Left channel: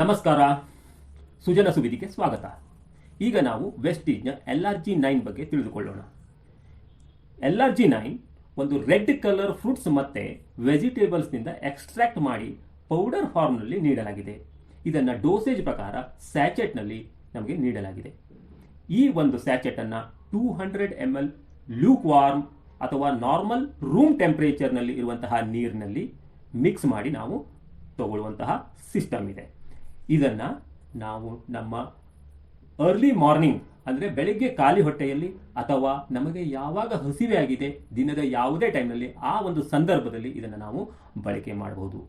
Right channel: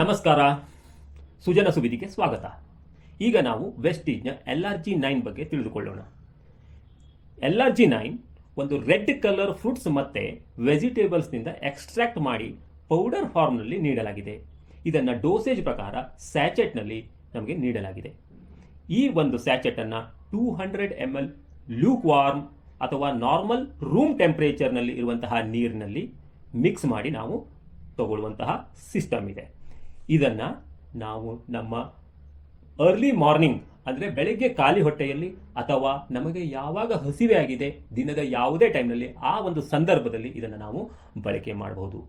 ನಮಸ್ಕಾರ, ಸುಜನ ಸುವಿದಿಗೆ ಸ್ವಾಗತ. ಈಗ ನಾವು ವೆಸ್ಟೀಜ್ನ LRG9 ಬಗ್ಗೆ ತಿಳಿದುಕೊಳ್ಳೋಣ. LRG9 ಒಂದು ರೆಡ್ ಕಲರ್ ಫ್ರೂಟ್ಸ್ ಮತ್ತೆ ವೆಜಿಟೇಬಲ್ಸ್ನಿಂದ ಎಕ್ಸ್ಟ್ರಾಕ್ಟ್ ಮಾಡಿ ಪೌಡರ್ ಫಾರ್ಮ್ನಲ್ಲಿ ನೀಡಲಾಗಿದೆ. ಇದನ್ನು ಡೋಸೇಜ್ ಪ್ರಕಾರ ಸ್ಯಾಚೆಟ್ನಲ್ಲಿ ನಮಗೆ ನೀಡಲಾಗಿದೆ. ಈ ಒಂದು ಸ್ಯಾಚೆಟನ್ನು 200 ml ಲ್ಯೂಕ್ ವಾರ್ಮ್ ಅಥವಾ ನಾರ್ಮಲ್ ರೂಮ್ ಟೆಂಪರೇಚರ್ನಲ್ಲಿ ಇರುವಂತಹ ನೀರಿನಲ್ಲಿ ಮಿಕ್ಸ್ ಮಾಡಿ ನಾವು ತಗೊಳ್ಳುವಂತಹ ಸಿಸ್ಟಮ್ ಇದೆ. ಇದನ್ನು ನಾವು ನಮ್ಮ ಅರ್ಲಿ ಮಾರ್ನಿಂಗ್ ಅಂದರೆ ಬೆಳಗ್ಗೆ ಖಾಲಿ ಹೊಟ್ಟೆಯಲ್ಲಿ ಅಥವಾ ನಮಗೆ ಯಾವಾಗ ಹಸಿವೆ ಆಗಿದೆ ದಿನದ ಯಾವುದೇ ಟೈಮ್ನಲ್ಲಿ ಆ ಒಂದು ಸಂದರ್ಭದಲ್ಲಿ ಇದನ್ನು ನಾವು ಬಳಕೆ ಮಾಡಬಹುದು.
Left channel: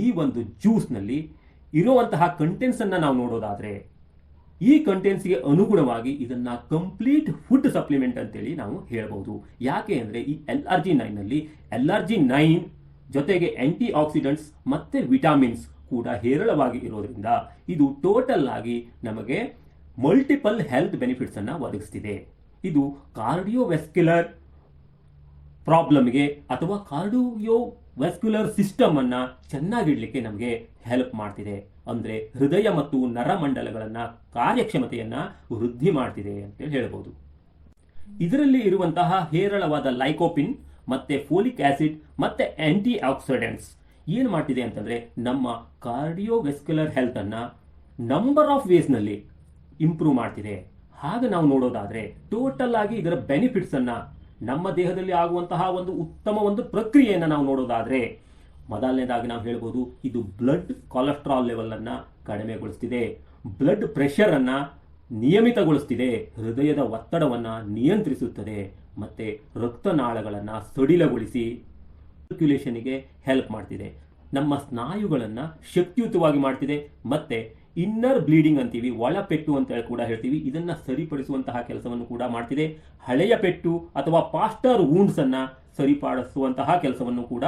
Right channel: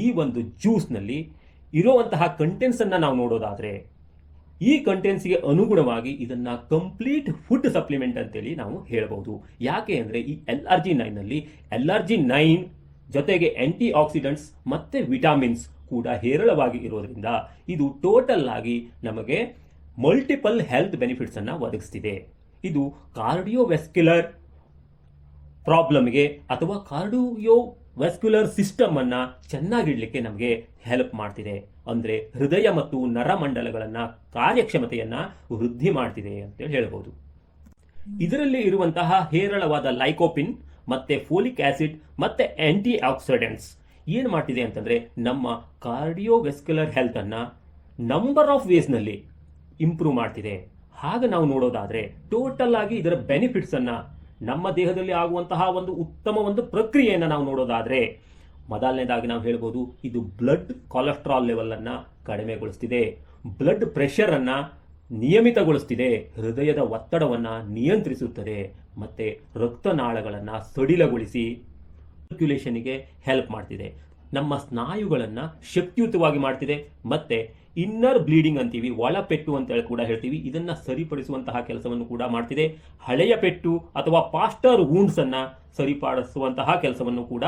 ಈ ಒಂದು ಜ್ಯೂಸ್ನಲ್ಲಿ ಇರುವಂತಹ ಕಂಟೆಂಟ್ಸನ್ನು ನಾವು ನೋಡೋದಾದರೆ ಈ ಕಂಟೆಂಟ್ಸ್ಗೆ ಅನುಗುಣವಾಗಿ ಇದನ್ನು ಕಂಪ್ಲೀಟ್ ಫುಡ್ ಸಪ್ಲಿಮೆಂಟ್ ಅಂತೇಳಿ ನಾವು ಹೇಳ್ಬೋದು. ಯಾಕೆ ಅಂದರೆ ಈ LRG9ನಲ್ಲಿ LRG9 ಜೊತೆಗೆ ಆಂಟಿ ಆಕ್ಸಿಡೆಂಟ್ಸ್ ಮತ್ತು ವಿಟಾಮಿನ್ಸ್ ಕೂಡ ಹೇರಳವಾಗಿ ಇರೋದ್ರಿಂದ ಇದು ಟೋಟಲ್ ಆಗಿ ನಮಗೆ ಮಲ್ಟಿಪಲ್ ಹೆಲ್ತ್ ಬೆನಿಫಿಟ್ಸ್ ಅನ್ನು ಒದಗಿಸ್ತಿದೆ. ಇದು ಕಾರ್ಡಿಯೋವೆಸ್ಕ್ಯುಲರ್ ಪ್ರಾಬ್ಲಮ್ಗೆ ಅಥವಾ ಕಾರ್ಡಿಯೋವೆಸ್ಕ್ಯುಲರ್ ಸಿಸ್ಟಮ್ ಅನ್ನ ಚೆನ್ನಾಗಿಡ್ಲಿಕ್ಕೆ ನಮಗೆ ಹೆಲ್ಪ್ ಮಾಡ್ತಿದೆ. ಅಂದರೆ ಹೃದಯ ಮತ್ತು ನರಮಂಡಲಗಳನ್ನ ಕಾರ್ಯಕ್ಷಮತೆಯನ್ನ ವೃದ್ಧಿ ಮಾಡ್ತಿದೆ ಅಂತ ಹೇಳ್ಬೋದು. ಇದರಲ್ಲಿ ಇರುವಂತಹ ಹೇರಳವಾದ ಲೈಕೋಪಿನ್ ಮತ್ತೆ ಫೋಲಿಕ್ ಆಸಿಡ್ ಮತ್ತೆ ಆಂಟಿ ಆಕ್ಸಿಡೆಂಟ್ಸ್ ಏನು ಮಾಡ್ತಿದೆ ಅಂತಂದ್ರೆ ನಮ್ಮ ಕಾರ್ಡಿಯೋವೆಸ್ಕ್ಯುಲರ್ ಹೆಲ್ತ್ ಅನ್ನ ನಂಬರ್ ಆಫ್ ವೇಸ್ನಲ್ಲಿ ಇಂಪ್ರೂವ್ ಮಾಡ್ತಿದೆ. ಹಾಗೆ ನಾವು ನೋಡೋದಾದ್ರೆ ಟೋಟಲ್ ಆಗಿ ಇದರ ಬೆನಿಫಿಟ್ಸ್ ಅನ್ನ ನಮ್ಮ ದೇಹದಲ್ಲಿ ಆಗುವಂತಹ ಒಂದು ಉತ್ತಮ ಒಂದು ಪ್ರಕ್ರಿಯೆಯನ್ನು ನಾವು ನೋಡೋದಾದ್ರೆ ಮೊದಲನೇದಾಗಿ ನಾವು ಹೇಳ್ಬೋದು, ಇದು ಬ್ಲಡ್ ಕೊಲೆಸ್ಟ್ರಾಲ್ ಲೆವೆಲ್ ಅನ್ನ ಕಡಿಮೆಗೊಳಿಸ್ತಿದೆ, ಬ್ಲಡ್ ಪ್ರೆಷರ್ ಅನ್ನ ನಿಯಮಿತಗೊಳಿಸ್ತಿದೆ, ಹೃದಯದ ಒತ್ತಡವನ್ನ ನಿಯಂತ್ರಿಸುತ್ತದೆ ಮತ್ತೆ ರಕ್ತನಾಳಗಳನ್ನ ಸಡಿಲಗೊಳಿಸಿ ಸರ್ಕ್ಯುಲೇಷನ್ಗೆ ಹೆಲ್ಪ್ ಮಾಡ್ತಿದೆ, ನಮ್ಮ ಸ್ನಾಯುಗಳನ್ನು ಶಕ್ತಿಯುತವಾಗಿ ಮಾಡ್ತಿದೆ ಮತ್ತೆ ಇನ್ನರ್ ಬ್ಲೀಡಿಂಗ್ ಅಂತೀವಿ, ಒಳಪೆಟ್ಟು ಅಂತ ಕೂಡ ಹೇಳ್ತೀವಿ, ಇದನ್ನ ಸರಿಪಡಿಸುವಂತಹ ಕೆಲಸವನ್ನು ಕೂಡ ಮಾಡ್ತಿದೆ. ಹಳೆಯ ಪೆಟ್ಟು ಅಥವಾ ಪಾಸ್ಟರ್ ವೂಂಡ್ಸ್ ಅನ್ನ ಸರಿಪಡಿಸುವಂತಹ ಕೆಲಸವನ್ನು ಕೂಡ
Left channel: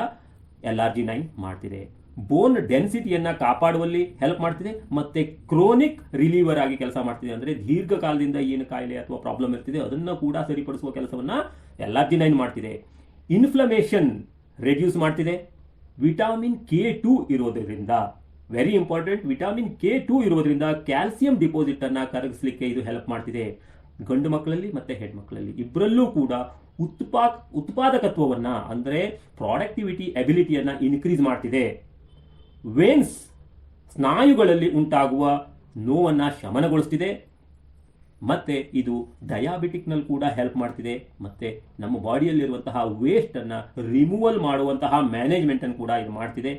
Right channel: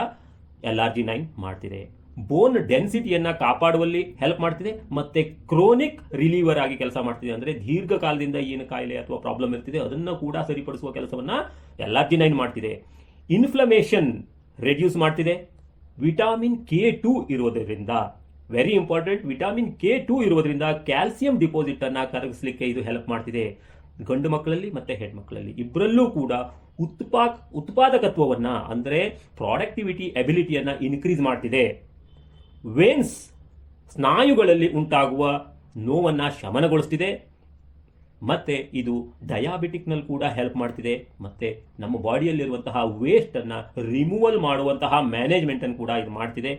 LRG9 ಮಾಡ್ತಿದೆ. ಬೋನ್ ಡೆನ್ಸಿಟಿಯನ್ನ ಕಾಪಾಡುವಲ್ಲಿ ಹೆಲ್ಪ್ ಮಾಡ್ತಿದೆ ಮತ್ತೆ ಕ್ರೋನಿಕ್ ರಿಲೀವರ್ ಆಗಿ ಕೆಲಸ ಮಾಡ್ತಿದೆ. ಅಂದ್ರೆ ದೀರ್ಘಕಾಲದಿಂದ ಏನು ಕಾಯಿಲೆ ಅಥವಾ ಪ್ರಾಬ್ಲಮ್ ಇರ್ತಿದೆ ಅದನ್ನ ಕೂಡ ಸರಿಪಡಿಸುವ ಕೆಲಸವನ್ನ LRG9 ಮಾಡ್ತಿದೆ. ಇನ್ಫ್ಲಮೇಷನ್ ರೆಡ್ಯೂಸ್ ಮಾಡ್ತಿದೆ. ವಿಟಾಮಿನ್ K2 ಇರೋದ್ರಿಂದ ವೆರಿ ಇಂಪಾರ್ಟೆಂಟ್, ವಿಟಾಮಿನ್ K2 ಇರೋದ್ರಿಂದ ಕ್ಯಾಲ್ಸಿಯಂ ಡಿಪಾಸಿಟ್ ಅನ್ನ ಕರಗಿಸಲಿಕ್ಕೆ ಇದು ಹೆಲ್ಪ್ ಮಾಡ್ತಿದೆ. ಗಂಡು ಮಕ್ಕಳಲ್ಲಿ ಮತ್ತೆ ಹೆಣ್ಣು ಮಕ್ಕಳಲ್ಲಿ ಇಬ್ಬರಲ್ಲೂ ಕೂಡ ಉತ್ಪಾದಕತ್ವವನ್ನ ಅಂದ್ರೆ ಪ್ರಾಡಕ್ಟಿವಿಟಿ ಎಬಿಲಿಟಿಯನ್ನ ಇನ್ಕ್ರೀಸ್ ಮಾಡ್ತಿದೆ. ವೇನ್ಸ್ ಸ್ನಾಯುಗಳಲ್ಲಿ ಉಂಟಾಗುವ ನೋವನ್ನ ಶಮನಗೊಳಿಸ್ತಿದೆ ಮತ್ತೆ ಇದು ಡಯಾಬಿಟಿಕ್ನಲ್ಲಿ ಕೂಡ ಹೆಲ್ಪ್ ಮಾಡ್ತಿದೆ ಮತ್ತೆ ನಮ್ಮ ಬಾಡಿಯಲ್ಲಿರುವಂತಹ ವೇಸ್ಟ್ ಅನ್ನ ರಿಮೂವಲ್ ಮಾಡುವಂತಹ ಮ್ಯಾನೇಜ್ಮೆಂಟ್ ಅನ್ನು ಕೂಡ ಇದು ಮಾಡ್ತಿದೆ.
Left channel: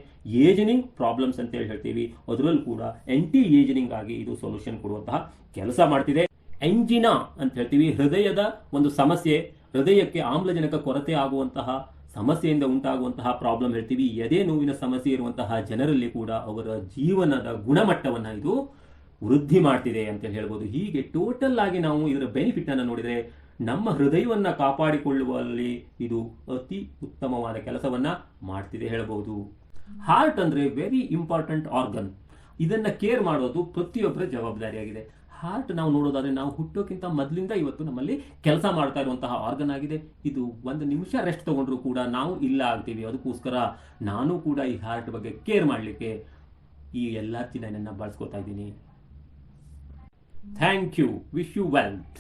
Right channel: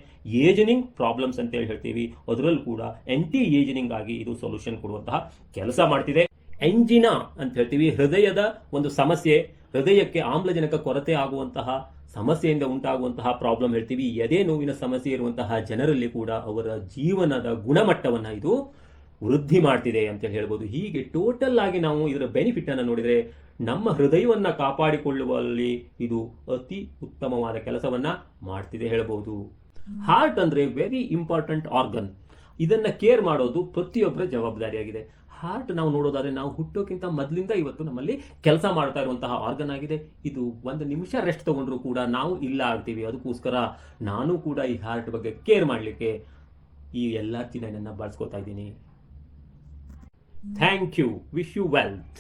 ಏಜನಿಂಗ್ ಪ್ರಾಬ್ಲಮ್ಸ್ ಅಂತ ಹೇಳ್ತೀವಿ, ಅದರಲ್ಲೂ ಕೂಡ ಆಂಟಿ ಏಜನಿಂಗ್ ಆಗಿ ಇದು ಸೊಲ್ಯೂಷನ್ ಕೊಡುವಂತಹ ಕೆಲಸ ಮಾಡ್ತಿದೆ. ಎಂಜಿನಾ ಅಂತ ಹೇಳ್ತೀವಿ, ಹೃದಯದ ಒಂದು ಸಮಸ್ಯೆ, ಹೃದಯಕ್ಕೆ ಆಮ್ಲಜನಕ ಕೊರತೆ ಆಗುವಂತಹ ಸಮಸ್ಯೆಯಿಂದ ಉಂಟಾಗುವಂತಹ ಪ್ರಾಬ್ಲಮ್ ಹೇಳ್ತೀವಿ. ಎದೆ ನೋವಿನ ಸಮಸ್ಯೆ ಇರುವಂತಹ ಜನರಲ್ಲಿ ಕೂಡ ಅವರ ಜೀವನದ ಗುಣಮಟ್ಟವನ್ನು ಇದು ವೃದ್ಧಿ ಮಾಡ್ತಿದೆ ಅಂತ ಹೇಳ್ಬೋದು. ಹೀಗೆ ಟೋಟಲ್ ಆಗಿ ನಾವು ಇದರ ಬೆನಿಫಿಟ್ ಅನ್ನು ನೋಡಿದರೆ ನಮ್ಮ ಹೃದಯವನ್ನ ಕಾಪಾಡಿಕೊಳ್ಳುವಲ್ಲಿ ಇದು ಅತಿ ಉತ್ತಮವಾದ ಕೆಲಸವನ್ನ ಮಾಡ್ತಿದೆ ಹೇಳ್ಬೋದು. ಹಾರ್ಟ್ ಅಂದ್ರೆ ವೆರಿ ಇಂಪಾರ್ಟೆಂಟ್ ಆರ್ಗನ್, ಇದನ್ನ ಕೇರ್ ಮಾಡೋದು ಪ್ರತಿಯೊಬ್ಬರ ಜವಾಬ್ದಾರಿಯಾಗಿದೆ. ಹಾರ್ಟ್ ನಾವು ನೋಡೋದಾದ್ರೆ ನಾವು ಹುಟ್ಟೋಕ್ಕಿಂತ ಮೊದಲಿಂದ ಇವತ್ತು ನಮ್ಮಲ್ಲಿ ಕೆಲಸ ಮಾಡ್ತಾ ಇರುವಂತಹ ಆರ್ಗನ್ ಆಗಿದೆ. ಇದು ಒಂದು ನಿಮಿಷ ರೆಸ್ಟ್ ತಗೊಂಡ್ರು ಕೂಡ ನಾವು ಇಲ್ಲ ಆಗ್ತೀವಿ. ಅದಕ್ಕೋಸ್ಕರ ನಾನು ಕೂಡ ಈ ಹಾರ್ಟ್ ಬಗ್ಗೆ ಕೇರ್ ಮಾಡಲಿಕ್ಕೆ ಈ LRG9 ಬಳಸ್ಕೊತಾ ಇದ್ದೀನಿ. Thank you. Wish you wealth.